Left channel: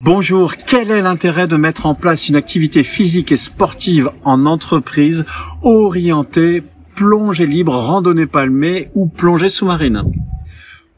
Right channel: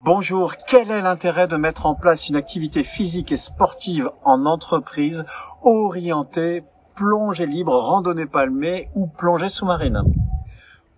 Bonjour, quel est l'intérêt de mettre en place une activité physique et sportive en entreprise orientée plongée libre, randonnée palmée ou plongée sous-marine?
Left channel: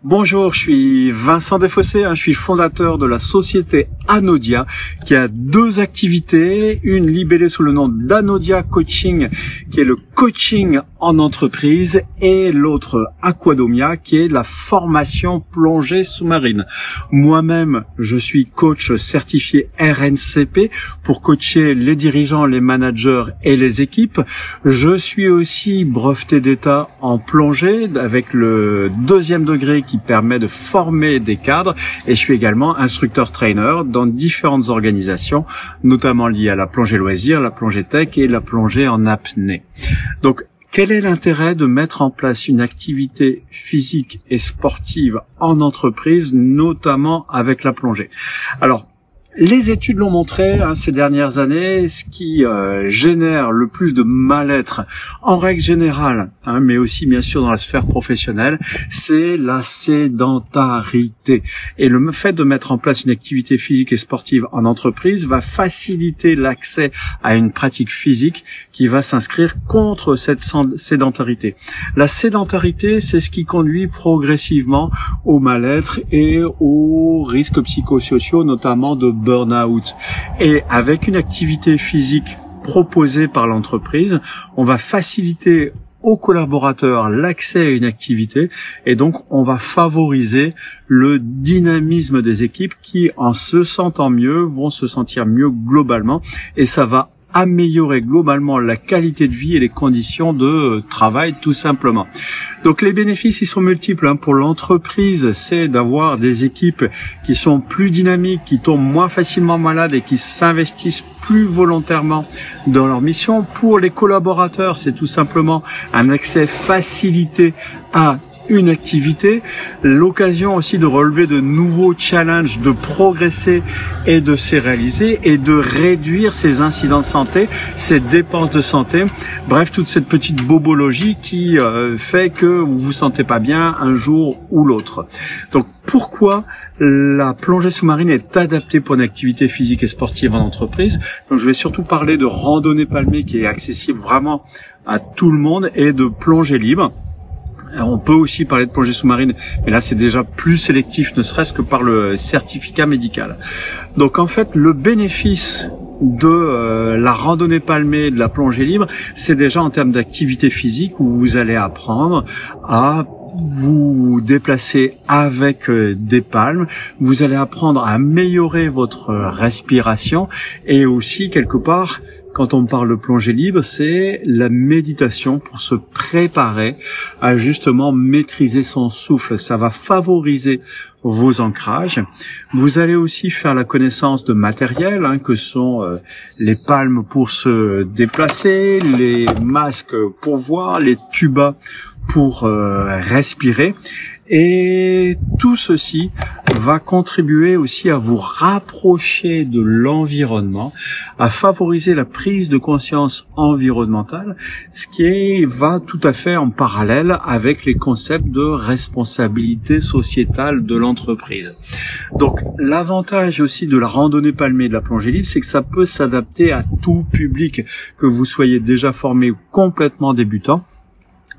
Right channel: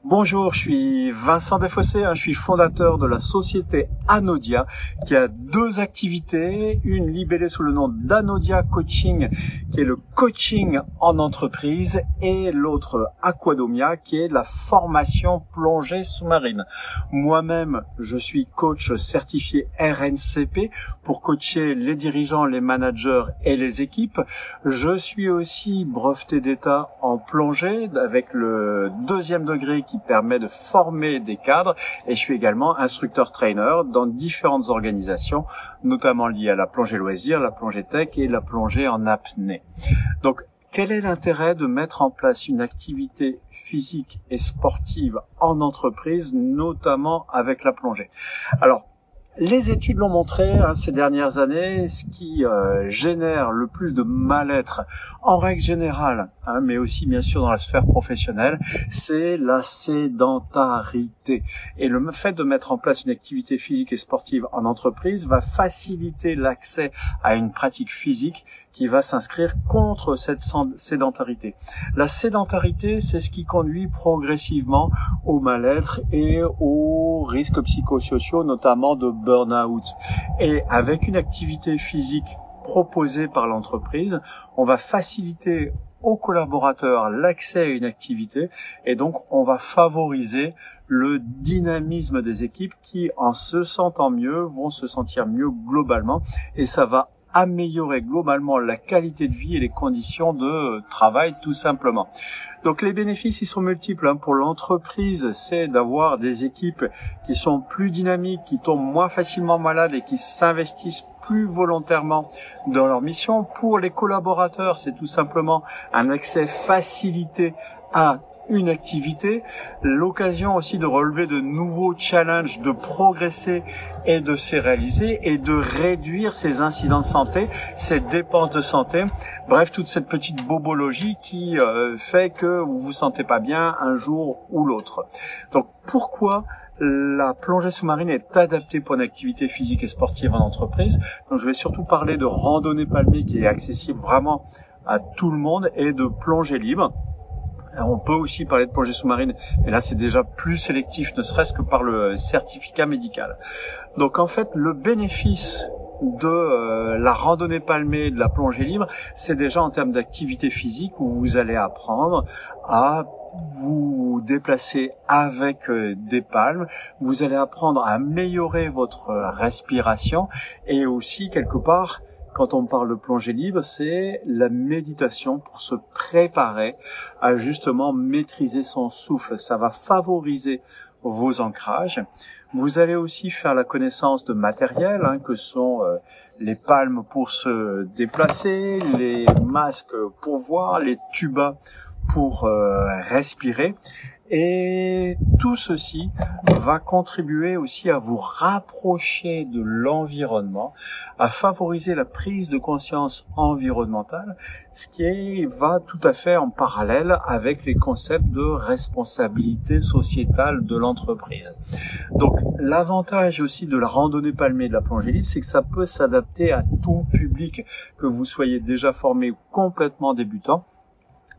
Bonjour, je suis Vincent Desfossés, je suis fondateur de la société Anodia qui a deux activités, une libellée sous le nom d'Anodia Coaching qui est le coaching en entreprise et l'autre Aquadomia qui est la formation plongée sous-marine. Moi-même, je suis coach certifié RNCP pour coacher les dirigeants, les managers et les équipes. Je suis aussi breveté d'État en plongée avec le 2e degré qui permet de former des cadres et je suis également instructeur-trainer dans différentes organisations, notamment liées à la plongée loisir, la plongée tech et la plongée en apnée. Donc, quel est l'intérêt de mettre en place une activité physique et sportive en entreprise, notamment avec la plongée? Alors, les études l'ont montré ces dernières années, ce qui génère le plus de mal-être en règle générale, mais aussi bien sûr dans la sphère professionnelle, c'est la sédentarité. Et le fait de mettre en place une activité physique et sportive en entreprise va faciliter l'accès à une pratique physique qui va s'inscrire contre cette sédentarité. La sédentarité, c'est ce qui conduit progressivement au mal-être et aux risques psychosociaux, notamment de burn-out. Et avec une activité physique proposée par l'entreprise, on va faciliter aux collaborateurs l'accès à une activité et donc on va favoriser le dynamisme des équipes qui, en se sentant mieux, vont se sentir mieux globalement et ça va améliorer globalement la qualité de vie et les conditions de travail tout simplement. Donc les bénéfices ils sont multiples pour l'entreprise, c'est d'avoir des équipes qui sont plus dynamiques, qui tombent moins facilement malades et qui s'investissent plus volontairement dans leur mission. Pour les collaborateurs, c'est tout simplement un accès facilité à une activité, l'occasion aussi de relever de nouveaux challenges, de progresser et de se réaliser et de réduire ses incidents de santé, ses dépenses de santé, bref, toute cette petite bobologie qui fait que vous vous sentez pas bien un jour ou l'autre. Donc pourquoi la plongée sous-marine est adaptée pour une activité physique et sportive en entreprise? Donc je vais surtout parler de randonnée palmée qui est accessible vraiment à tout le monde et de plongée libre. On peut aussi parler de plongée sous-marine, mais là c'est déjà plus sélectif, ne serait-ce que par le certificat médical. Donc en fait, le bénéfice de la randonnée palmée, de la plongée libre, c'est déjà en termes d'activité physique où vous allez apprendre à vous déplacer avec des palmes, vous allez apprendre à améliorer votre respiration et aussi quelque part, quand on parle de plongée libre, c'est la méditation pour se préparer à justement maîtriser son souffle. Ça va favoriser vos ancrages. Vous allez aussi faire la connaissance de matériel, que sont les palmes pour se déplacer, les masques pour voir, les tubas pour respirer. Et tout ceci va contribuer aussi à vous rapprocher de l'environnement, à favoriser la prise de conscience environnementale, ce qui va tout à fait en parallèle avec les concepts de responsabilité sociétale de l'entreprise. Donc l'avantage aussi de la randonnée palmée et de la plongée libre, c'est que ça peut s'adapter à tout public, que vous soyez déjà formé ou complètement débutant.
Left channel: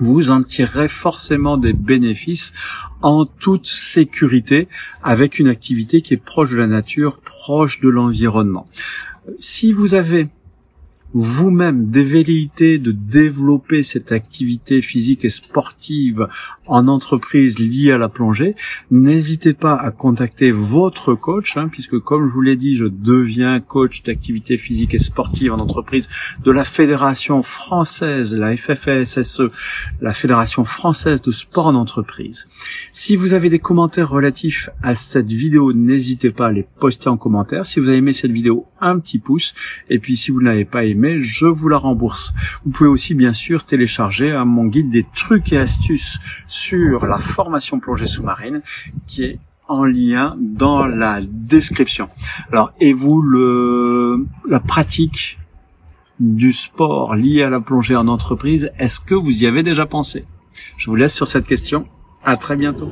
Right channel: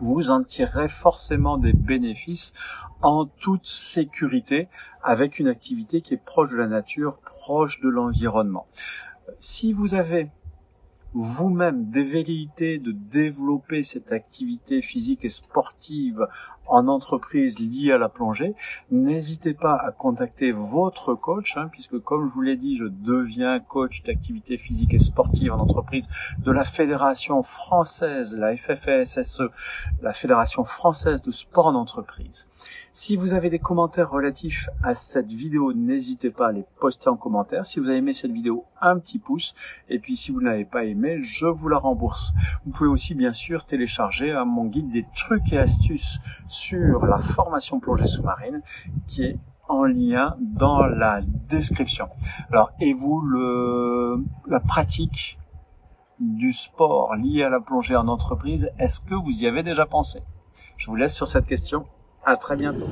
Vous en tirerez forcément des bénéfices en toute sécurité avec une activité qui est proche de la nature, proche de l'environnement. Si vous avez vous-même des velléités de développer cette activité physique et sportive en entreprise liée à la plongée, n'hésitez pas à contacter votre coach, puisque comme je vous l'ai dit, je deviens coach d'activité physique et sportive en entreprise de la Fédération française, la FFSSE, la Fédération française de sport en entreprise. Si vous avez des commentaires relatifs à cette vidéo, n'hésitez pas à les poster en commentaire. Si vous avez aimé cette vidéo, un petit pouce, et puis si vous ne l'avez pas aimé, je vous la rembourse. Vous pouvez aussi bien sûr télécharger mon guide des trucs et astuces sur la formation plongée sous-marine qui est en lien dans la description. Alors, et vous, la pratique du sport lié à la plongée en entreprise, est-ce que vous y avez déjà pensé? Je vous laisse sur cette question. À très bientôt.